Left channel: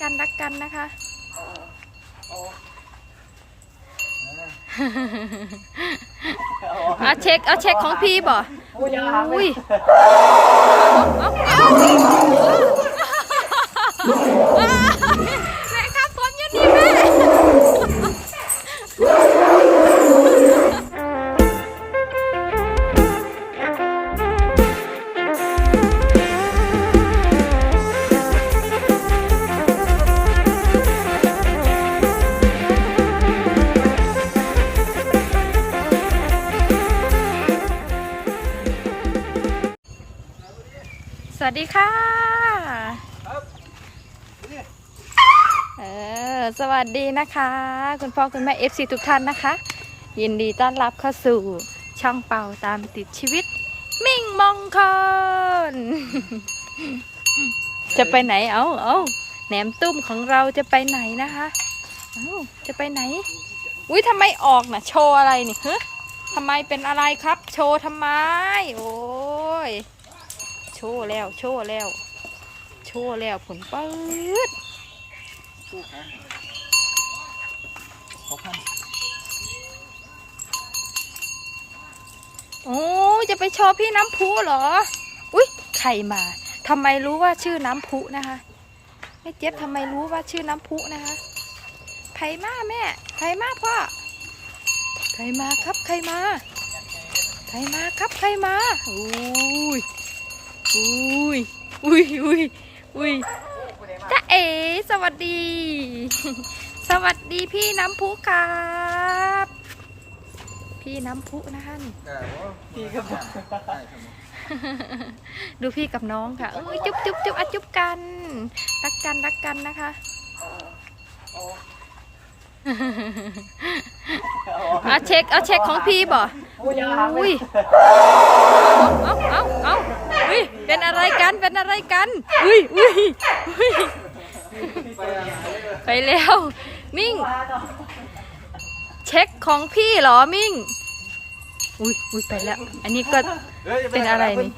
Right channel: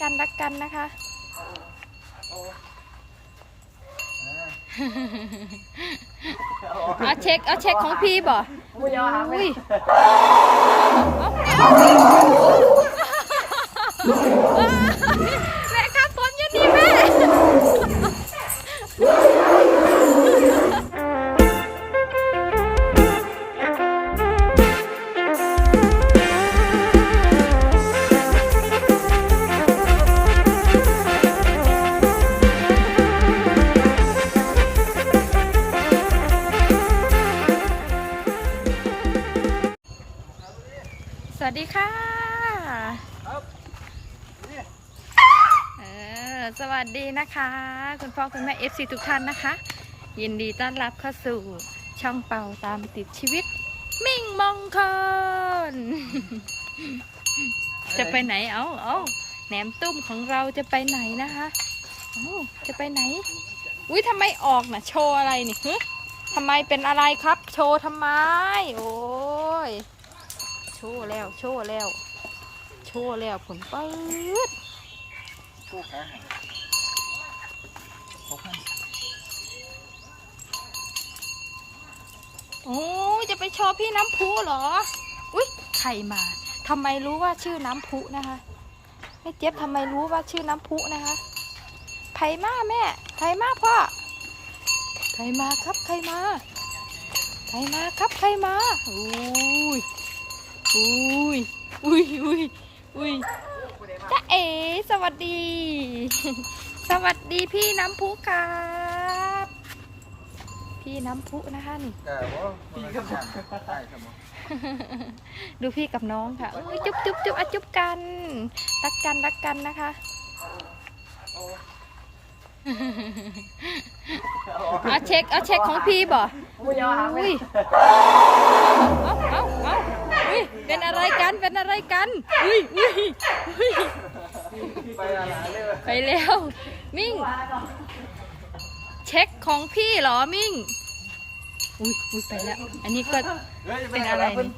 กันรักกันนะคะ เอาเช็คเอาเช็คของพี่บ่อุ้ยเอาเอาเอา วัสดีค่ะครับนี่เออสวัสดีนะคะ คุณพ่อคุณแม่เอฟซีทุกท่านนะคะ ยินดีต้อนรับเข้าสู่ช่องเป่าตามติดชีวิต มิ่งมงคล จะไปไหนเอาเอาแหนมตุ้มของเราจะไปไหนนะคะเอาจะไปไหน อุ้ยทำไมออกน่ะ โชว์อะไรนี่ฮะทำไมเป็นอะไรครับ โชว์ทำไม โอ้ยโชว์แล้ว โชว์แล้ว โชว์แล้วผลปื๊ดคู่ขาหันหกพันโอ้จะไปโชว์พี่น้ำพุเหรอ อุ๊ยใครมาทำไมรู้ว่าชื่อน้ำพุนะคะแม่เจี๊ยบทำไมรู้ว่าชื่อน้ำพุนะคะใครมาแม่ใครมาพ่อใครมาครับใครมาใครมาครับใครมาอุ้ย อุ้ย อุ้ยอุ้ยอุ้ยจ้าเอ๋สวัสดี สวัสดีพี่น้ำพุครับ พี่น้ำพุนะคะนี่แต่ว่าพี่ก็ผ่านใต้สมองดูพี่กับน้องค่ะเอ้ยจุ๊บจุ๊บจุ๊บอะจุ๊บกัน รักกันรักกันนะคะเอาเช็คเอาเช็คของพี่บ่อุ้ยเอาเอาเอา เอาอุ้ยเป็นอะไรกันเป็นอะไรกัน อุ้ยอุ้ยอุ้ยไปอะไรไปแล้ว มิ่ง เช็คของพี่เหรอมิ่ง อุ้ยอุ้ยไปแล้ว อันนี้ก็เป็นอะไรนี่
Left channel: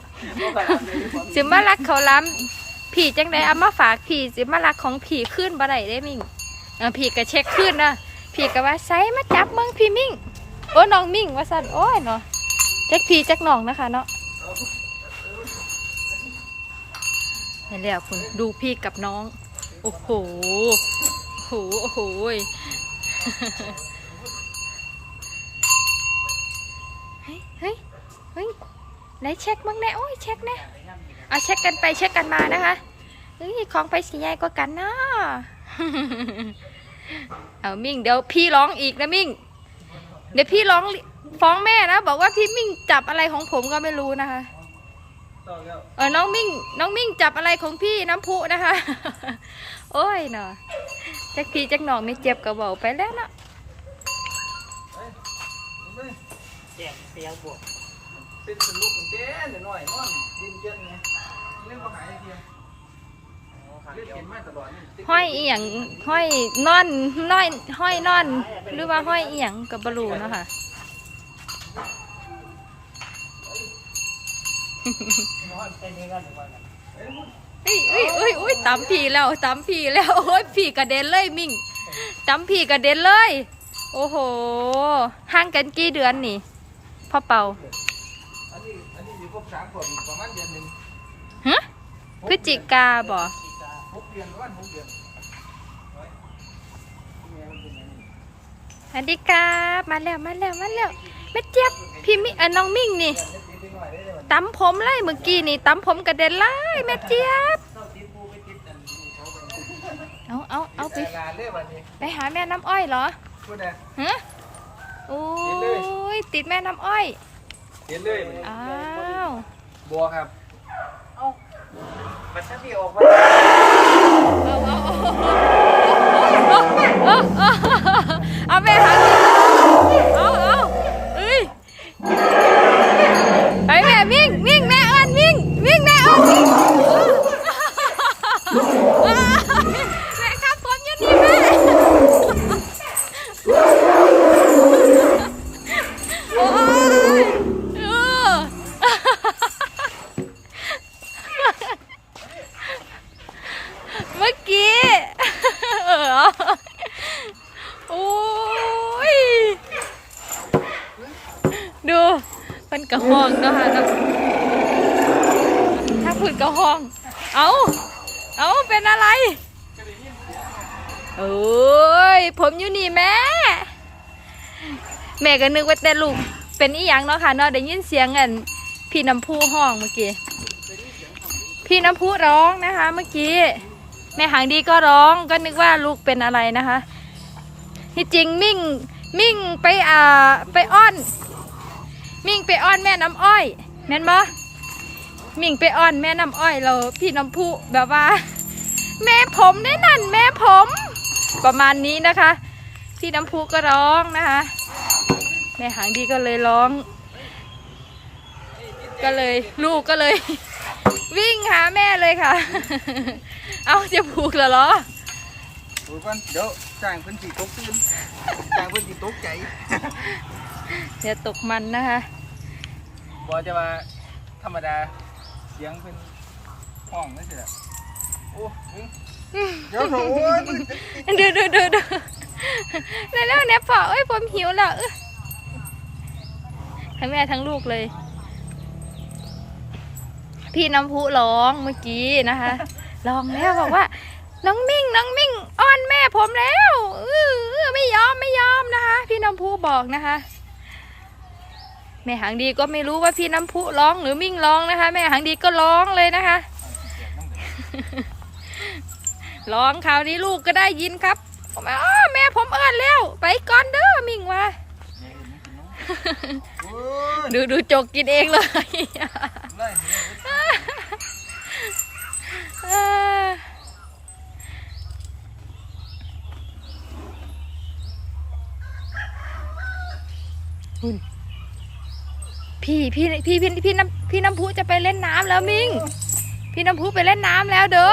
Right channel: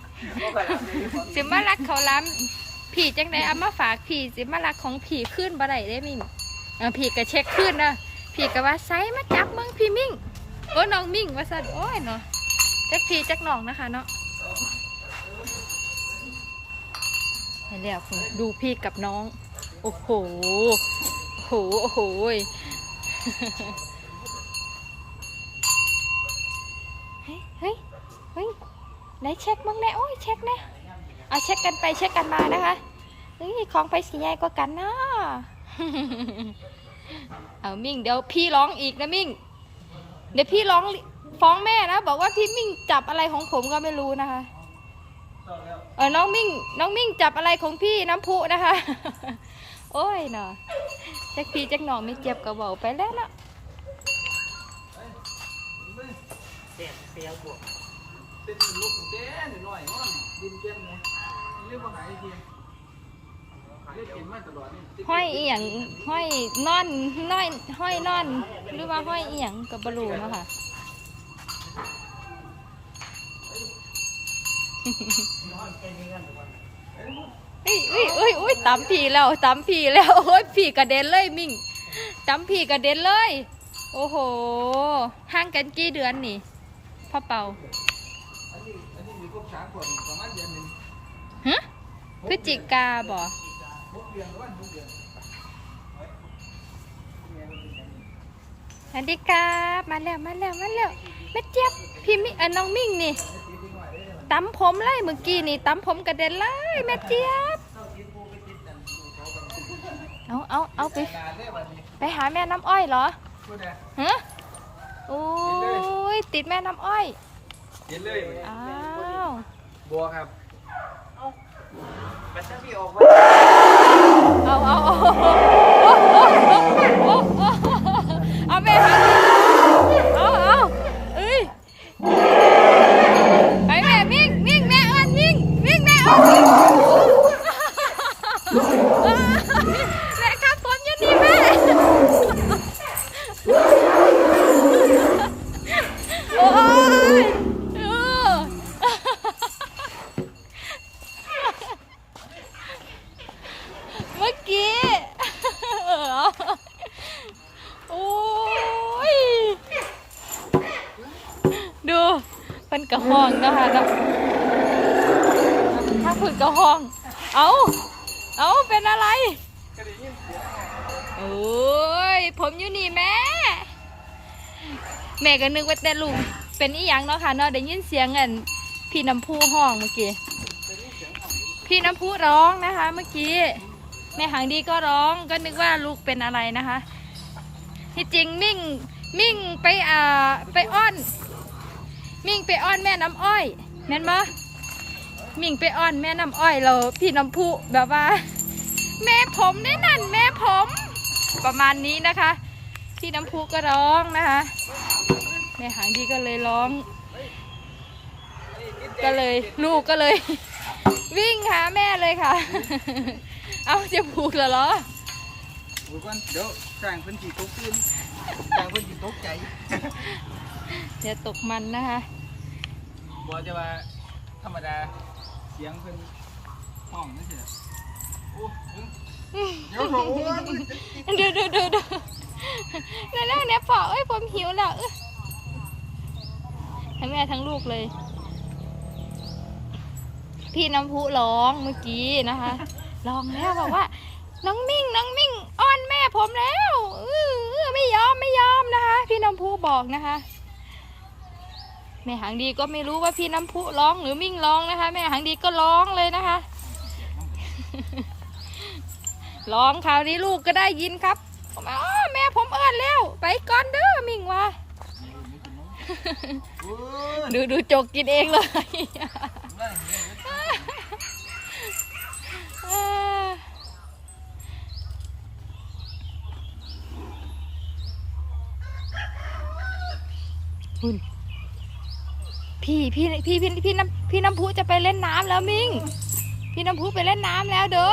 สิมารักเขาล้ำผีจังไดเอามาฝากผีสิมารักของผีขึ้นบ่ได้ได้มิ่งเออผีก็เช็คขึ้นนะผีก็ว่าไซมาจับเมืองพี่มิ่งโอ้น้องมิ่งว่าสั่นโอ้ยเนาะเช็คผีเช็คน้องนะคะเนาะ ไปแล้วคุณดูพี่กับน้อง โอ้โห โอ้โห โอ้โหเฮ้ย เฮ้ย เฮ้ย ไหนเช็คบ้างแน่โอ้ยเช็คแน่เอาเช็คกันไปเช็คกันมานะคะเฮ้ยของไปสีใหญ่กว่ากันนะเอามิ่งเดี๋ยวพี่ร้องอีกนะมิ่ง เดี๋ยวพี่ร้องฟ้องแม่นะ บอกว่าพี่มิ่งจับอะไรของผมก็ไม่รู้นะคะ ต่อแล้วเออน้องมิ่งน้องมิ่งจับอะไรของพี่น้ำพุนะคะ โอ้ยเนาะแจ็คพี่แจ็คน้องนี่เจ็บกระเบาไปแล้วเนาะเป็นเป็นลูกแก่หน่อยนอนดินเย็นไงเรื่องว่าหายเพียงเรื่องเป็นมาตลอดนี่ห้อยเอียงห้อยนอนน้อยห้อยนอน หรือว่าห้อยเอียงกับบรูเนาะค่ะ เอ้ยเอ้ยเอ้ยเอ้ยตำผีแล้วตำผีแล้วโอ้ยผีกระเด็นเลยมิ่งตำผีกระเด็นเลย โอ้โหห่างกันกี่เดือนนี่พ่อเป่าอันนี้อันนี้อยู่ครบสามขวบประมาณเดือนหนึ่งฮะพฤศจิกาบ่หกเดือนประมาณหกเดือนไว้เนี่ยมันเป็นอย่างนี้สวัสดีครับมาแล้วมาแล้วมาแล้วแม่เจี๊ยบพี่มิเออน้องมิ่งนี่ ติดไปหน่อยได้เลยตำผมเลยเมื่อกี้นี่ตำผมกระเด็นเลยแม่เจี๊ยบเศร้าติดปูไปติดอันดูเขาไปเอาเอาเอาไปงานได้วันนี้ไปหาแม่น้ำอ้อยเหรอพูดนะฮะโอ้ยติดแม่น้ำอ้อยเห็นเลยอ้าวบัวครับเอ้ามันชักที่ออกมาเอาเอาเอาเอาเอาเอาไปหาเอา เมื่อกี้เออโอ้ย ดูเป็นกระห้องเนาะค่ะถ้าพูดกระห้อง เอาเอาเป็นอะไรโอ้ย ผมอยู่นี่แม่ แม่ก็นึกว่าแต่ลูก เป็นอีหยังเนาะค่ะเนาะได้ยินเสียงกันพี่น้ำพูห้องเมื่อกี้ พี่น้ำพูร้องนะคะเมื่อกี้ แม่หางดีก็ร้องก็นึกว่าลูกเป็นอะไรนะคะที่จริงมิ่งมิ่งไปอ่าไปอ้อน มิ่งไปอ้อนแม่น้ำอ้อยแม่นบ่มิ่งไปอ้อนแม่น้ำอ้อยเราพี่น้ำพูแบบว่า แม่ผมได้นั่นแม่ผม ประมาณนี้นะคะ พี่น้ำพูก็ร้องนะคะแม่หางดีก็เลยร้อง ก็เลย ลูกก็เลย วิ่งหาแม่เลยค่ะ เอาจะผูกแล้วเหรอโอ้ยก่อนเดี๋ยวจ้างเพิ่นสิตกตื่นจ้างเพิ่นสิตกใจเดี๋ยวตกมันนะคะบ่จะว่าธรรมดาเสียงเพิ่นห้องนั่นสิล่ะโอ้ยเดี๋ยวโอ้ยมันดูดูดูดูแล้วแล้วเนี่ยพอเอ้ยผมหิวแล้วเอ้ยทั้งแม่ทั้งลูกเลย พี่น้ำพุร้องเมื่อกี้นะคะ ร้องแล้วบอกว่า น้องมิ่ง น้องมิ่งอ้อนแม่ผมแล้วเออไม่ยอมไม่ยอมนะคะ พี่น้ำพุบอกนะคะ แม่หางดีก็ไม่รู้ว่าพี่น้ำพุร้องหรือมิ่งร้องนะคะ แม่หางดีก็ร้องเลยนะคะร้องคราวนี้ลูกก็ได้ยินครับผมอ้อแม่ผมเอิ้นแล้ว ไปก่อนเด้อมิ่งว่าดูดูจกกินเองเลย คุณพี่พี่พี่พี่พี่น้ำพี่น้ำพุจะไปเล่นน้ำแล้วมิงพี่น้ำพุไปเล่นน้ำแล้วเด้อ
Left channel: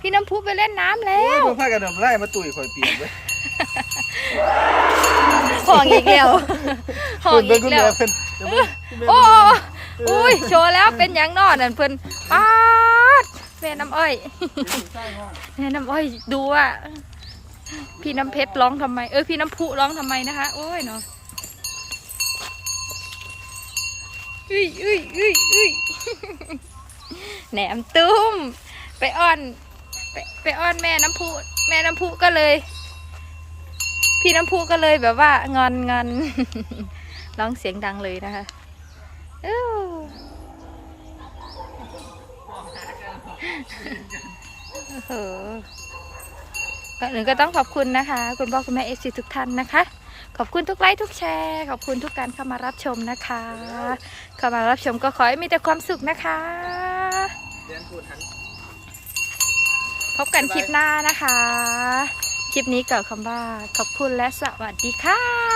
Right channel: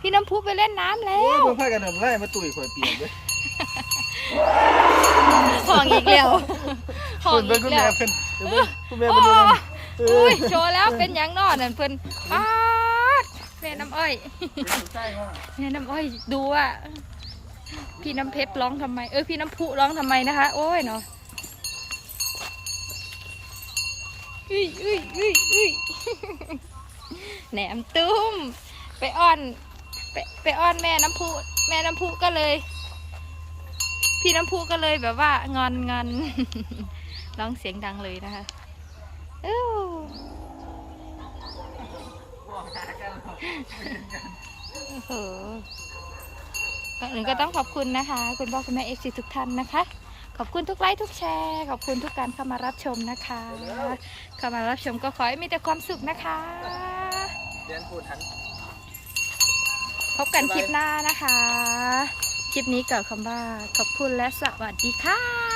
พี่น้ำพุไปเล่นน้ำแล้โอ้ยวบ่พากันนำไล่มาตุ๋ยข่อยเปียกเลยห่องอีกแล้วห่องอีกแล้วเพิ่นเดี๋ยวเพิ่นคุณแม่โอ้มาดูอุ้ยโชว์แล้วเป็นหยังนอนนั่นเพิ่นป๊าดแม่น้ำอ้อยใช่ห้องแม่น้ำอ้อยดูว่า พี่น้ำเพชรร้องทำไม เออพี่น้ำพุร้องทำไมนะคะ โอ้ยเนาะอุ้ยอุ้ยอุ้ยอุ้ยแหนมตุ้ม ไปอ้อน ไปไปอ้อนแม่น้ำพุแม่น้ำพุก็เลย พี่น้ำพุก็เลยแบบว่างอนงอนร้องเสียงดังเลยนะคะอู้โอ้โห ก่อนอื่นก็ต้องขอบคุณนะคะ คุณพ่อคุณแม่เอซีทุกท่านนะคะ ขอบคุณทุกไลค์ทุกแชร์ ขอบคุณทุกการเข้ามารับชมนะคะ เข้ามารับชมก็ขอให้มีแต่ความสุขนะคะเรียนพูดทันพบกันคลิปหน้านะคะ คลิปนี้เกิดคำว่าขอบคุณและสวัสดีค่ะ